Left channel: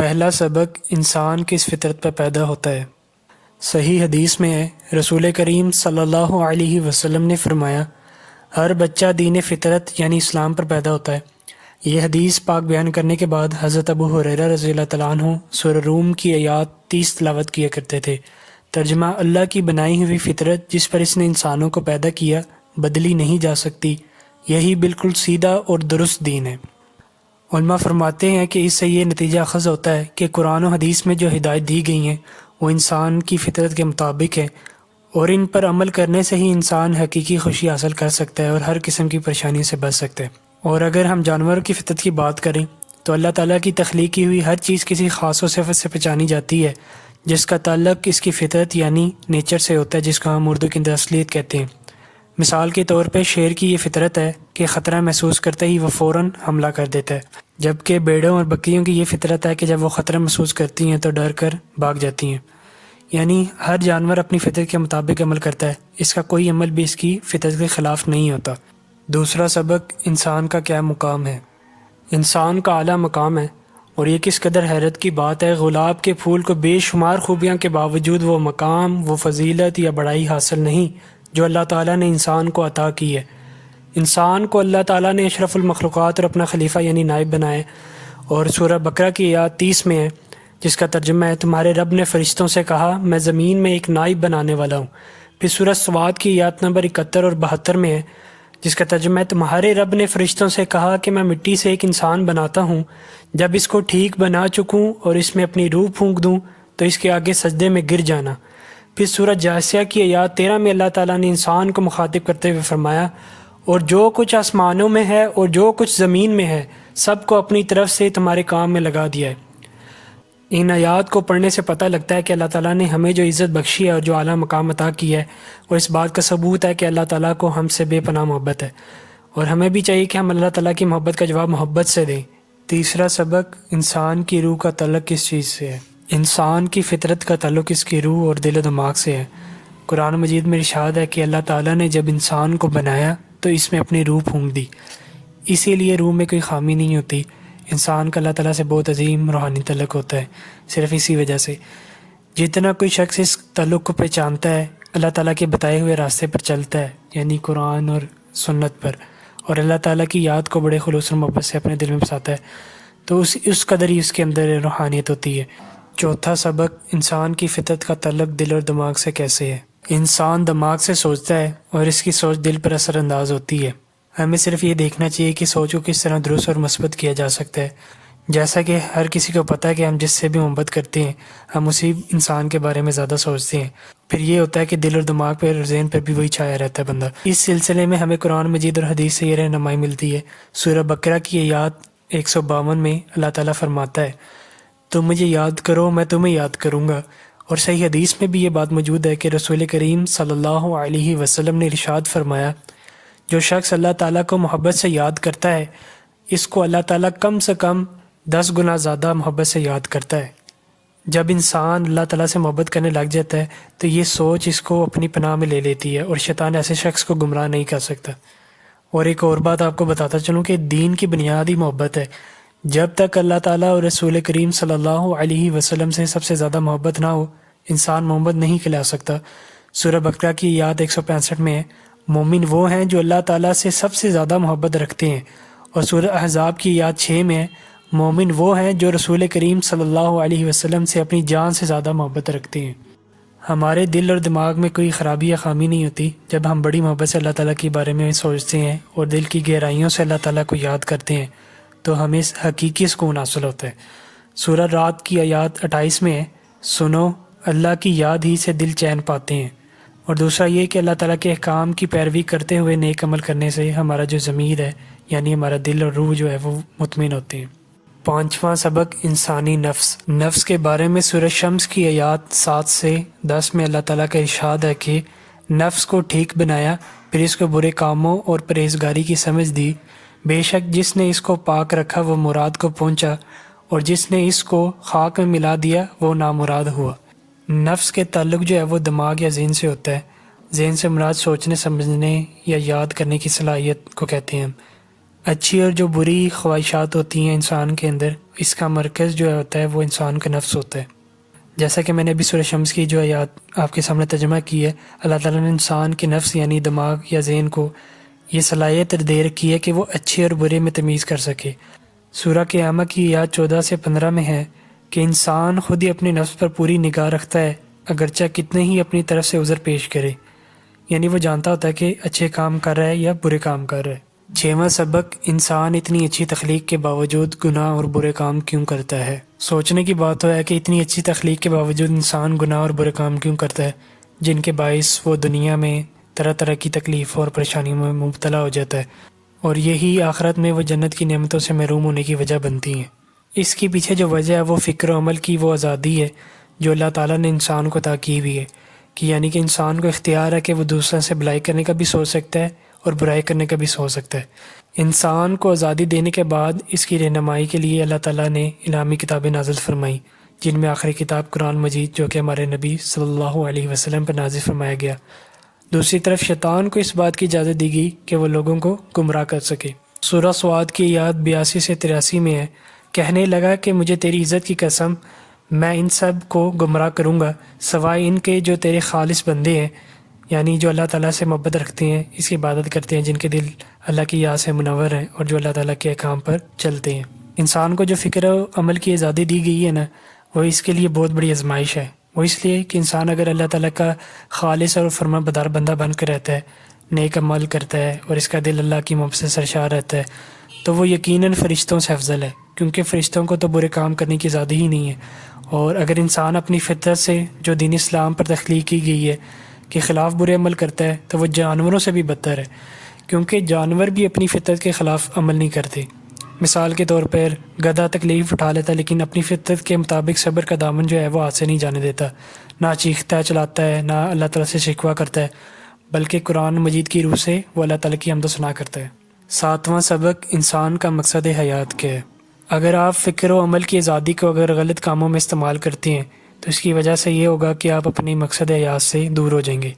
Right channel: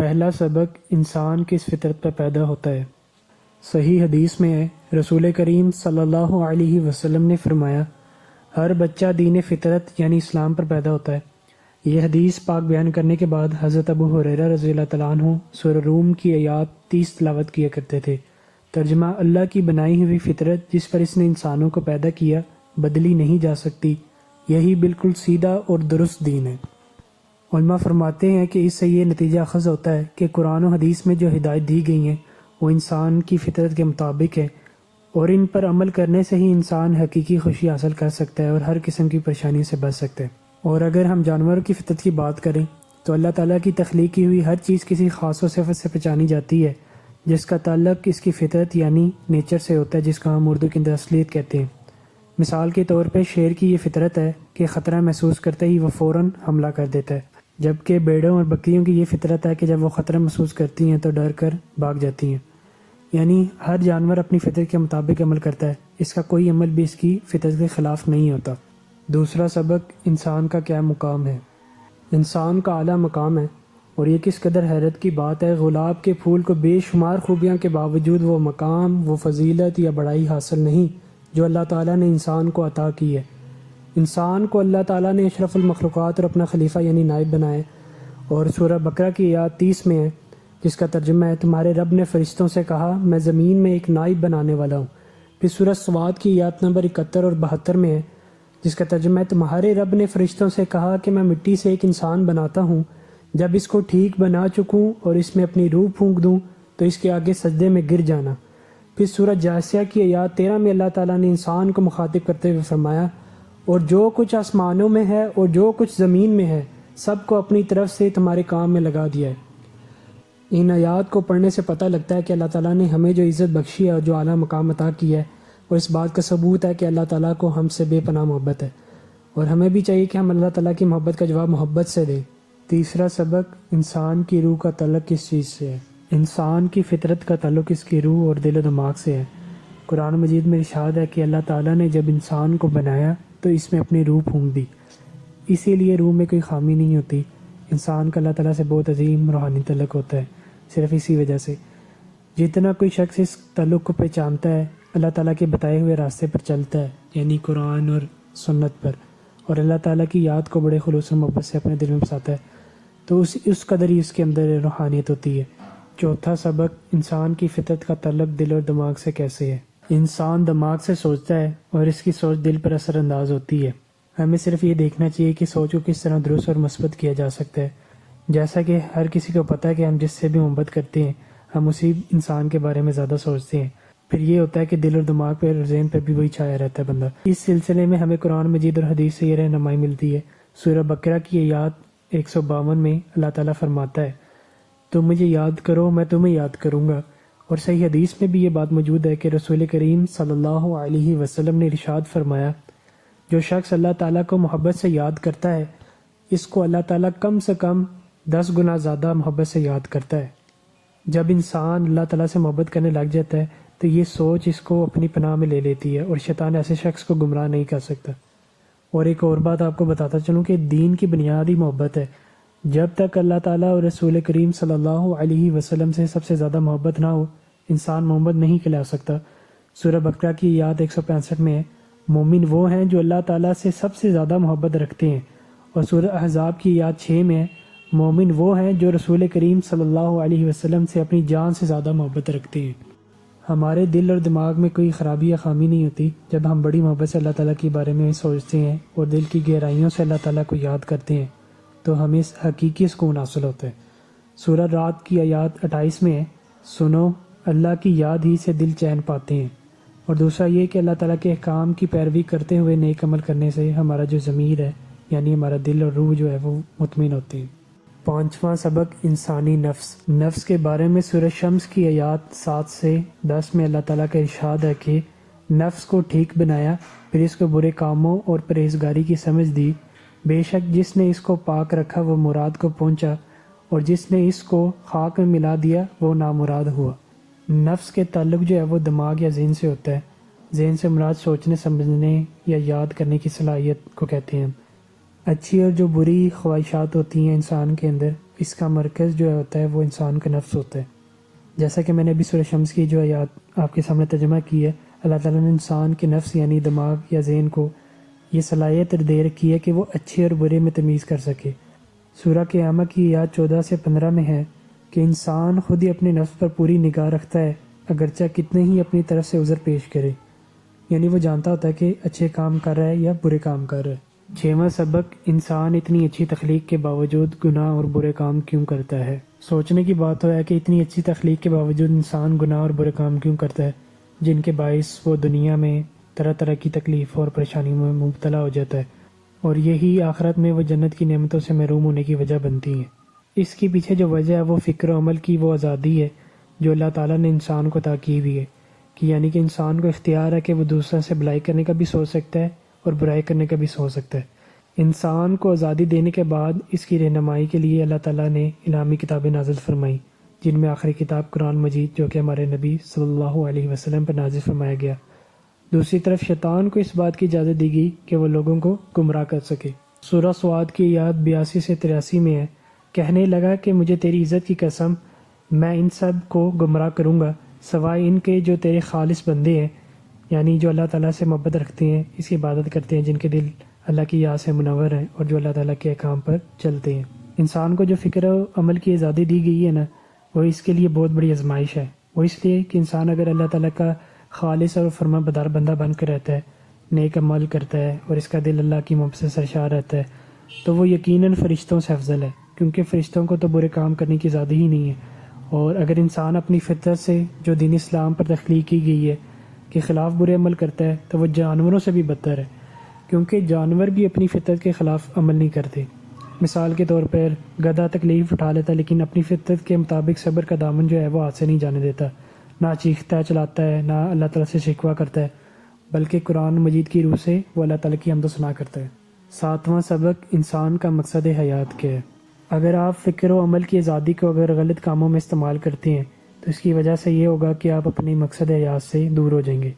پہلا سبق انسان کس فطرت پر پیدا ہوتا ہے۔ صحیح حدیث میں ہے، رسول کریم صلی اللہ علیہ وسلم نے فرمایا، ہر بچہ دین فطرت یعنی اسلام پر پیدا ہوتا ہے۔ یہ حدیث پاک بیان کرنے کے بعد حضرت ابو ہریرہ رضی اللہ تعالیٰ عنہ سورہ روم کی آیات 30 تلاوت کیا کرتے تھے۔ ترجمہ: اللہ کی بنائی ہوئی فطرت جس پر اس نے انسانوں کو پیدا کیا بدلی نہیں جا سکتی، یہی بالکل سیدھا اور درست دین ہے۔ علماء فرماتے ہیں کہ اس سے یہ نتیجہ اخذ ہوتا ہے کہ قرآن و حدیث میں جو ہدایت دی گئی ہیں وہ انسان کی فطرت کے مطابق ہے، اور ان پر عمل کرنے سے ہی انسان حقیقی خوشی حاصل کر سکتا ہے اور ہر قسم کی پریشانی سے بچ سکتا ہے۔ اور اگر ہم جانوروں کی فطرت کی بات کریں تو اللہ تعالیٰ کی تخلیق کی ہوئی ہر چیز کسی خاص و صفت سے پہچانی جاتی ہے جس کا تعلق اس کی فطرت یعنی نیچر سے ہوتا ہے، جس کو ہم اردو کے اندر اصلیت کہتے ہیں۔ مثال کے طور پہ شیر کی یہ فطرت ہے کہ خطرہ محسوس کرتے ہی وہ فوراً حملہ کر دیتا ہے، جبکہ بھیڑوں اور بکریوں کی یہ فطرت ہے کہ جب وہ خطرہ محسوس کرتی ہیں تو ڈر کر بھاگ جاتی ہیں۔ یعنی ہر جانور اپنی فطرت کے مطابق عمل کرتا ہے، اس کا کوئی عمل بھی اس کی فطرت کے خلاف نہیں ہوتا۔ دوسرا سبق انسان کا کیا مقام ہے۔ انسان کا اعلیٰ مقام ہے، اور یہ کس قدر حیرت کی بات ہے، گلاب کے پھول کو بے شمار خوبیاں کے باوجود وہ مقام، وہ فضیلت یا بڑائی حاصل نہیں جو اللہ تعالیٰ نے انسان کو عطا کی ہے۔ انسان کو اللہ تعالیٰ نے اشرف المخلوقات اور اپنا خلیفہ یعنی نائب بنائے، اور سورہ بقرہ کی آیات 30 میں ہے جس کا ترجمہ ہے، تمہارے رب نے فرشتوں سے کہا میں زمین میں ایک نائب بنانے والا ہوں۔ پھر سورہ صواد کی آیات نمبر 71 اور 72 میں ہے جس کا ترجمہ ہے، تمہارے رب نے فرشتوں سے کہا کہ میں مٹی سے ایک انسان بناتا ہوں، جب اس کو ٹھیک بنا چکوں اور اس میں اپنی روح پھونک دوں تو اس کے آگے سجدے میں گر جانا۔ پھر سورہ جاثیہ کی آیات 13 میں اللہ تعالیٰ نے انسان کو مخاطب کرتے ہوئے فرمایا، اور جو کچھ آسمانوں میں ہے اور جو کچھ زمین میں ہے سب کو اپنی طرف سے تمہارے کام میں لگا دیا ہے۔ ان آیات کو پڑھنے سے پتہ لگتا ہے کہ اللہ تعالیٰ نے ہمیں جو عزت بخشی ہے اور جو اعلیٰ مقام عطا کیا ہے، اور اس بات کا ثبوت ہے کہ اللہ تعالیٰ کو ہم سے بے پناہ محبت ہے، اور ہمیں بھی چاہیے کہ ہم اللہ تعالیٰ کی محبت کا جواب محبت سے دیں۔ تیسرا سبق انسان کی روح کا تعلق کس چیز سے ہے۔ انسان کی فطرت کا تعلق اس کی روح اور دل و دماغ سے ہے۔ قرآن مجید میں ارشاد ہے کہ اللہ تعالیٰ نے جب انسان کو بنایا تو اس میں اپنی روح پھونک دی، اسی لیے روح میں کوئی خامی نہیں ہوتی۔ انسان کا اللہ تعالیٰ سے بہت عظیم روحانی تعلق ہوتا ہے، صرف اسی وجہ سے۔ جتنا کوئی شخص اس تعلق کو پہچانتا ہے، اللہ تعالیٰ کے بتائے ہوئے راستے پر چلتا ہے یعنی قرآن اور سنت پر، اور اللہ تعالیٰ کی یاد کو بڑے خلوص اور محبت سے اپنے دل میں بساتا ہے، تو اس قدر ہی اس کے اندر روحانیت ہوتی ہے۔ چوتھا سبق انسان کی فطرت کا تعلق دل اور دماغ سے کیسے ہے۔ انسان دماغ سے سوچتا ہے اور اس کی سوچ دل پر اثر انداز ہوتی ہے۔ ہمیں صرف یہ دیکھنا چاہیے کہ سوچ کو کس طرح درست اور مثبت کیا جا سکتا ہے۔ جیسا کہ ہر کسی کو پتہ ہے کہ ہم جس سے بھی محبت کرتے ہیں ہم اسی انسان کے بارے میں زیادہ سوچتے ہیں، پھر یہ ہوتا ہے کہ دل اور دماغ پر اور ذہن پر بھی وہی چھایا رہتا ہے بندہ۔ اس سلسلے میں ہمیں قرآن مجید اور حدیث سے یہ رہنمائی ملتی ہے۔ سورہ بقرہ کی آیات 152 میں اللہ تعالیٰ فرماتا ہے، تم مجھے یاد کرو میں تمہیں یاد کروں گا، اور صحیح حدیث میں بھی یہ بات موجود ہے کہ رسول کریم صلی اللہ علیہ وسلم نے ارشاد فرمایا، جو شخص اللہ تعالیٰ کو محبت سے یاد کرتا ہے اس کو اللہ تعالیٰ کم سے کم 10 گنا زیادہ محبت سے یاد کرتا ہے۔ جب انسان اللہ تعالیٰ سے محبت کرنے لگ جاتا ہے تو یہ سوچ اس کو اپنی پناہ میں لے لیتی ہے، اور شیطان ایسے شخص کو گمراہ نہیں کر سکتا۔ اور ایک اور بات آپ کو بتاتا چلوں کہ دین کی بنیاد ہی محبت ہے۔ جب تک اللہ تعالیٰ اور رسول کریم صلی اللہ علیہ وسلم سے سب سے زیادہ محبت نہ ہو، انسان محبت نہیں کھلا سکتا۔ سورہ بقرہ کی آیات 165 میں ہے، مومن وہ ہیں جو اللہ تعالیٰ سے سب سے زیادہ محبت رکھتے ہیں، اور سورہ احزاب کی آیات 6 میں ہے، مومن وہ ہیں جو رسول کریم صلی اللہ علیہ وسلم سے اپنی جان سے زیادہ محبت رکھتے ہیں۔ ہمارے دل اور دماغ میں کوئی خرابی یا خامی نہیں ہوتی جب ہم بڑی محبت سے اللہ تعالیٰ کے بارے میں سوچتے ہیں اور دل کی گہرائیوں سے اللہ تعالیٰ کو یاد کرتے ہیں تو ہمیں حقیقی سکون حاصل ہوتا ہے۔ سورہ رات کی آیات 28 میں ہے، سنو اللہ کی یاد ہی سے دل چین پاتے ہیں، اور دوسرا یہ کہ اللہ تعالیٰ کے احکام کی پیروی کرتے ہوئے نیک عمل کرنے سے ہمارا جو ضمیر ہے یعنی ہمارا دل اور روح جو ہے وہ مطمئن ہوتے ہیں۔ پانچواں سبق انسانی نفس کے بارے میں سورہ شمس کی آیات 7 سے 10 میں اللہ تعالیٰ کا ارشاد ہے کہ نفس کو ٹھیک بنایا، پھر اس کو برے کاموں اور پرہیزگاری کی سمجھ دی، بے شک جس نے اس کو پاک رکھا وہ مراد کو پہنچا، اور جس نے اس کو خاک میں ملا دیا وہ نامراد ہوا۔ نفس کے تعلق جو ہے وہ دماغ یا ذہن سے ہوتا ہے۔ ذہن سے مراد سوچنے سمجھنے یا یاد کرنے کی صلاحیت کو کہتے ہیں۔ اچھی اور جو بری خواہشات ہوتی ہیں انسان کے اندر، اس کا مرکز جو ہوتا ہے وہ انسان کا نفس ہوتا ہے۔ جیسا کہ میں نے ابھی سورہ شمس کی جو آیات آپ کے سامنے ترجمہ کی ہے، اللہ تعالیٰ نے انسان کے نفس یعنی دماغ یا ذہن کو یہ صلاحیت دے رکھی ہے کہ وہ اچھے اور برے میں تمیز کر سکے۔ سورہ قیامہ کی آیات 14 سے 15 میں ہے کہ انسان خود ہی اپنے نفس پر پوری نگاہ رکھتا ہے، اگرچہ کتنے ہی اپنی طرف سے عذر پیش کرے، یعنی وہ جانتا ہوتا ہے کہ اچھے کام کر رہا ہے یا برے کام کر رہا ہے۔ 6واں سبق، انسان اتنی اچھی تخلیق کے باوجود گناہ اور برے کام کیوں کرتا ہے؟ سوچنے کی بات تو ہے کہ اتنی اچھی تخلیق کے باوجود انسان گناہ اور برے کام کیوں کرتا ہے، جن کے باعث وہ دنیا میں طرح طرح کی تکلیفوں اور پریشانیوں میں مبتلا ہو جاتا ہے، اور یہی آخرت میں وہ جنت کی نعمتوں سے محروم ہونے کی وجہ بنتی ہیں۔ اس کے پیچھے جو وجہ ہے وہ فکر و عمل کی وہ آزادی ہے جو اللہ تعالیٰ نے انسان کو عطا کی ہوئی ہے، کہ یعنی کہ انسان کو اختیار ہے کہ وہ دوسروں سے بھلائی کرنے کا بھی سوچ سکتا ہے اور برائی کرنے کا بھی سوچ سکتا ہے۔ انسان کو آزادی دینے کے بعد اس کی رہنمائی کے لیے اللہ تعالیٰ نے الہامی کتابیں نازل فرمائی، جن میں آخری کتاب قرآن مجید جو کہ ہمارے نبی صلی اللہ علیہ وسلم پر نازل فرمایا گیا۔ دوسری طرف شیطان کو اس بات کی اجازت دی گئی کہ وہ لوگوں کو گمراہ کر سکے۔ سورہ سواد کی آیات 82 سے 83 میں ہے، کہنے لگا کہ مجھے تیری عزت کی قسم، میں ان سب کو گمراہ کروں گا سوائے ان کے جو تیرے خالص بندے ہیں، یعنی جو اللہ تعالیٰ سے محبت رکھتے ہیں، اس کی عبادت کرتے ہیں، جن کے دل اللہ کی یاد سے منور ہیں اور جو اللہ تعالیٰ کے احکام پر چلتے ہیں۔ انسان کو جو فکر و عمل کی آزادی دی گئی ہے نا، وہ اس کے لیے بہت بڑی آزمائش ہے۔ وہ اس لیے کہ انسان اگر اللہ تعالیٰ کا خالص اور فرما بدار بندہ بن کر رہتا ہے، نیک عمل کرتا ہے اور اس کا دل اللہ کی محبت سے سرشار رہتا ہے، تو وہ یقیناً فرشتوں سے افضل ہے، کیونکہ فرشتوں کو تو برے کام کرنے کی آزادی ہی نہیں ہے۔ اور اگر انسان اپنی فطرت سے جو دین اسلام پر تخلیق کی گئی ہے کے خلاف برے عمل کرتا ہے تو وہ جانوروں سے بھی بدتر ہے، کیونکہ جانور بھی اپنی فطرت کے خلاف عمل نہیں کرتے۔ مثال کے طور پر گدھا تکلیف اٹھا لیتا ہے لیکن اپنی فطرت کے مطابق صبر کا دامن جو ہے وہ ہاتھ سے نہیں جانے دیتا، نہ چیختا ہے چلاتا ہے، نہ اللہ تعالیٰ سے شکوہ کرتا ہے، بلکہ قرآن مجید کی روح سے وہ اللہ تعالیٰ کی حمد و ثنا کرتا ہے۔ 7واں سبق، انسان کا مقصد حیات کیا ہے؟ اگر آپ فکر و عمل کی آزادی کو اگر غلط کاموں میں استعمال کرتے ہیں تو اس کی وجہ سے یہ ہوگا کہ آپ اپنی مقصد حیات سے دور ہو جائیں گے،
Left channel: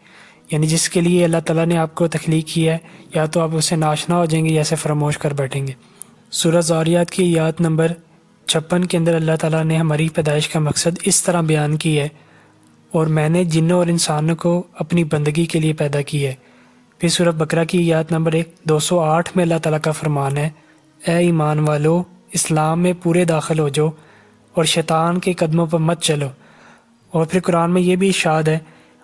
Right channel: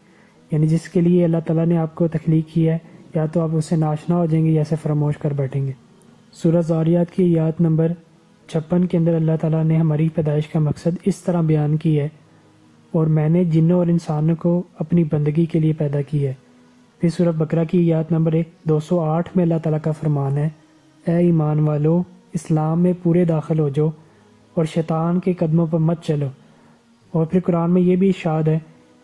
یعنی جس کے لیے اللہ تعالیٰ نے آپ کو تخلیق کیا ہے یا تو آپ اسے ناشنا ہو جائیں گے یا اسے فراموش کر بیٹھیں گے۔ سورہ ذاریات کی آیات نمبر 56 کے اندر اللہ تعالیٰ نے ہماری پیدائش کا مقصد اس طرح بیان کی ہے، اور میں نے جنوں اور انسانوں کو اپنی بندگی کے لیے پیدا کی ہے۔ پھر سورہ بقرہ کی آیات نمبر 208 میں اللہ تعالیٰ کا فرمان ہے، اے ایمان والو، اسلام میں پورے داخل ہو جاؤ اور شیطان کے قدموں پر مت چلو۔ اور پھر قرآن میں یہ بھی ارشاد ہے،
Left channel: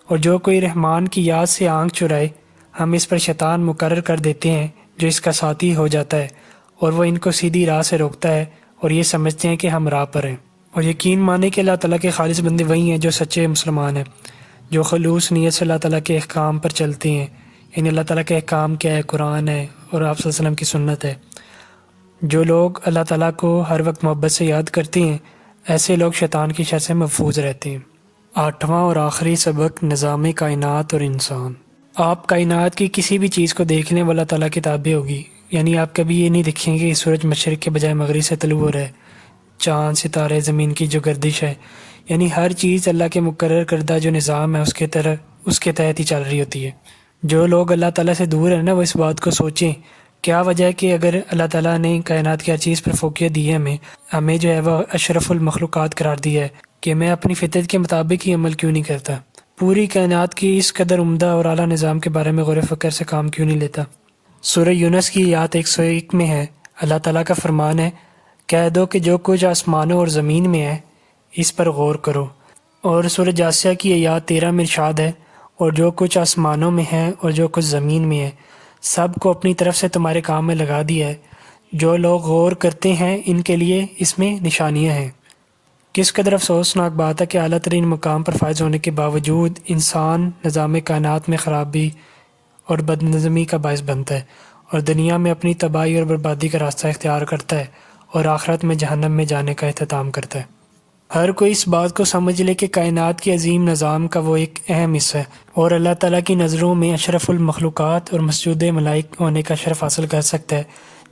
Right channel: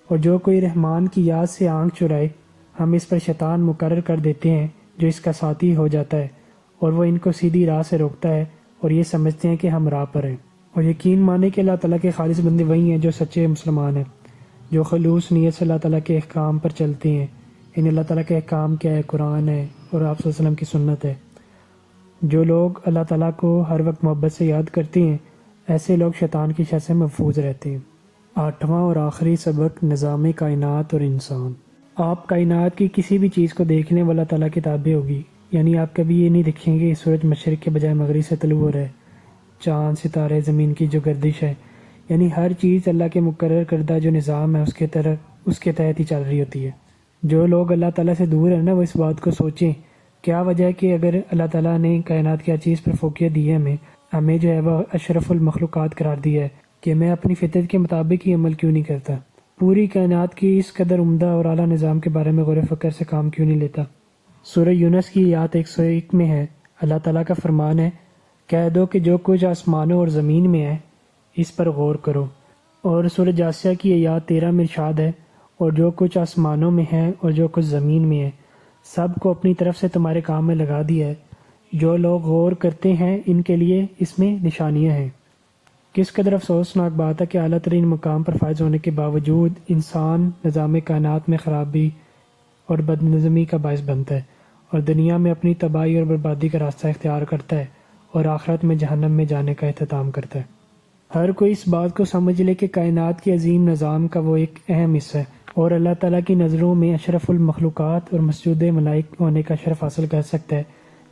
اور جو کوئی رحمان کی یاد سے آنکھ چرائے ہم اس پر شیطان مقرر کر دیتے ہیں جو اس کا ساتھی ہو جاتا ہے، اور وہ ان کو سیدھی راہ سے روکتا ہے اور یہ سمجھتے ہیں کہ ہم راہ پر ہیں۔ اور یقین مانے کہ اللہ تعالیٰ کے خالص بندے وہی ہیں جو سچے مسلمان ہیں، جو خلوص نیت سے اللہ تعالیٰ کے احکام پر چلتے ہیں، یعنی اللہ تعالیٰ کے احکام کیا ہے؟ قرآن ہے اور آپ صلی اللہ علیہ وسلم کی سنت ہے۔ جو لوگ اللہ تعالیٰ کو ہر وقت محبت سے یاد کرتے ہیں، ایسے لوگ شیطان کی شر سے محفوظ رہتے ہیں۔ 8واں اور آخری سبق، نظام کائنات اور انسان۔ آپ کائنات کی کسی بھی چیز کو دیکھنے والا تعالیٰ کی تابع ہوگی، یعنی آپ کبھی یہ نہیں دیکھیں گے کہ سورج مشرق کے بجائے مغرب سے طلوع ہو رہا ہے، چاند، ستارے، زمین کی جو گردش ہے، یعنی ہر چیز اللہ کے مقرر کردہ جو نظام ہے اس کے تحت ہی چل رہی ہوتی ہے۔ جو لوگ اللہ تعالیٰ سے دور ہیں نا، وہ اس بات کو سوچیں، کیا وجہ ہے کہ اگر اللہ تعالیٰ نے کائنات کی ہر چیز پر فوقیت دی ہے، ہمیں جو ہے وہ اشرف المخلوقات قرار دیا ہے، کہ میں اپنی فطرت کے مطابق ہی عمل کیوں نہیں کرتا؟ پوری کائنات کی اس قدر عمدہ اور اعلیٰ نظام کے بارے میں غور و فکر سے کام کیوں نہیں لیتا؟ سورہ یونس کی آیات 101 میں ہے، اللہ تعالیٰ کا فرمان ہے، کہہ دو کہ جو کچھ آسمانوں اور زمین میں ہے اس پر غور کرو۔ اور سورہ جاثیہ کی آیات 13 میں ارشاد ہے، اور جو کچھ آسمانوں میں ہے اور جو کچھ زمین میں ہے سب کو اپنی طرف سے تمہارے کام میں لگا دیا ہے، جو لوگ غور کرتے ہیں ان کے لیے اس میں نشانیاں ہیں۔ کس قدر افسوسناک بات ہے کہ اعلیٰ ترین مقام پر فائز ہونے کے باوجود انسان نظام کائنات میں خرابی اور بد نظمی کا باعث بنتا ہے اور دنیا میں اپنی تباہی اور بربادی کا راستہ اختیار کرتا ہے اور آخرت میں جہنم میں جانے کا اہتمام کرتا ہے۔ ہر کوئی اس بات کو سمجھ لے کہ کائنات کے عظیم نظام کا وہ ایک اہم حصہ ہے اور اللہ تعالیٰ کی نظروں میں اشرف المخلوقات اور مسجود ملائک ہونے کا شرف حاصل کر سکتا ہے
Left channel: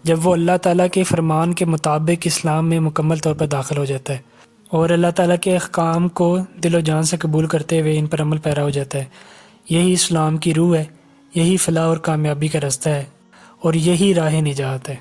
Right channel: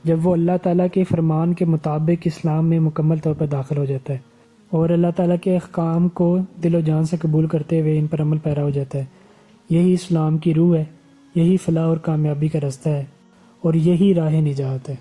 جب وہ اللہ تعالیٰ کے فرمان کے مطابق اسلام میں مکمل طور پر داخل ہو جاتا ہے اور اللہ تعالیٰ کے احکام کو دل و جان سے قبول کرتے ہوئے ان پر عمل پیرا ہو جاتا ہے۔ یہی اسلام کی روح ہے، یہی فلاح اور کامیابی کا راستہ ہے اور یہی راہ نجات ہے۔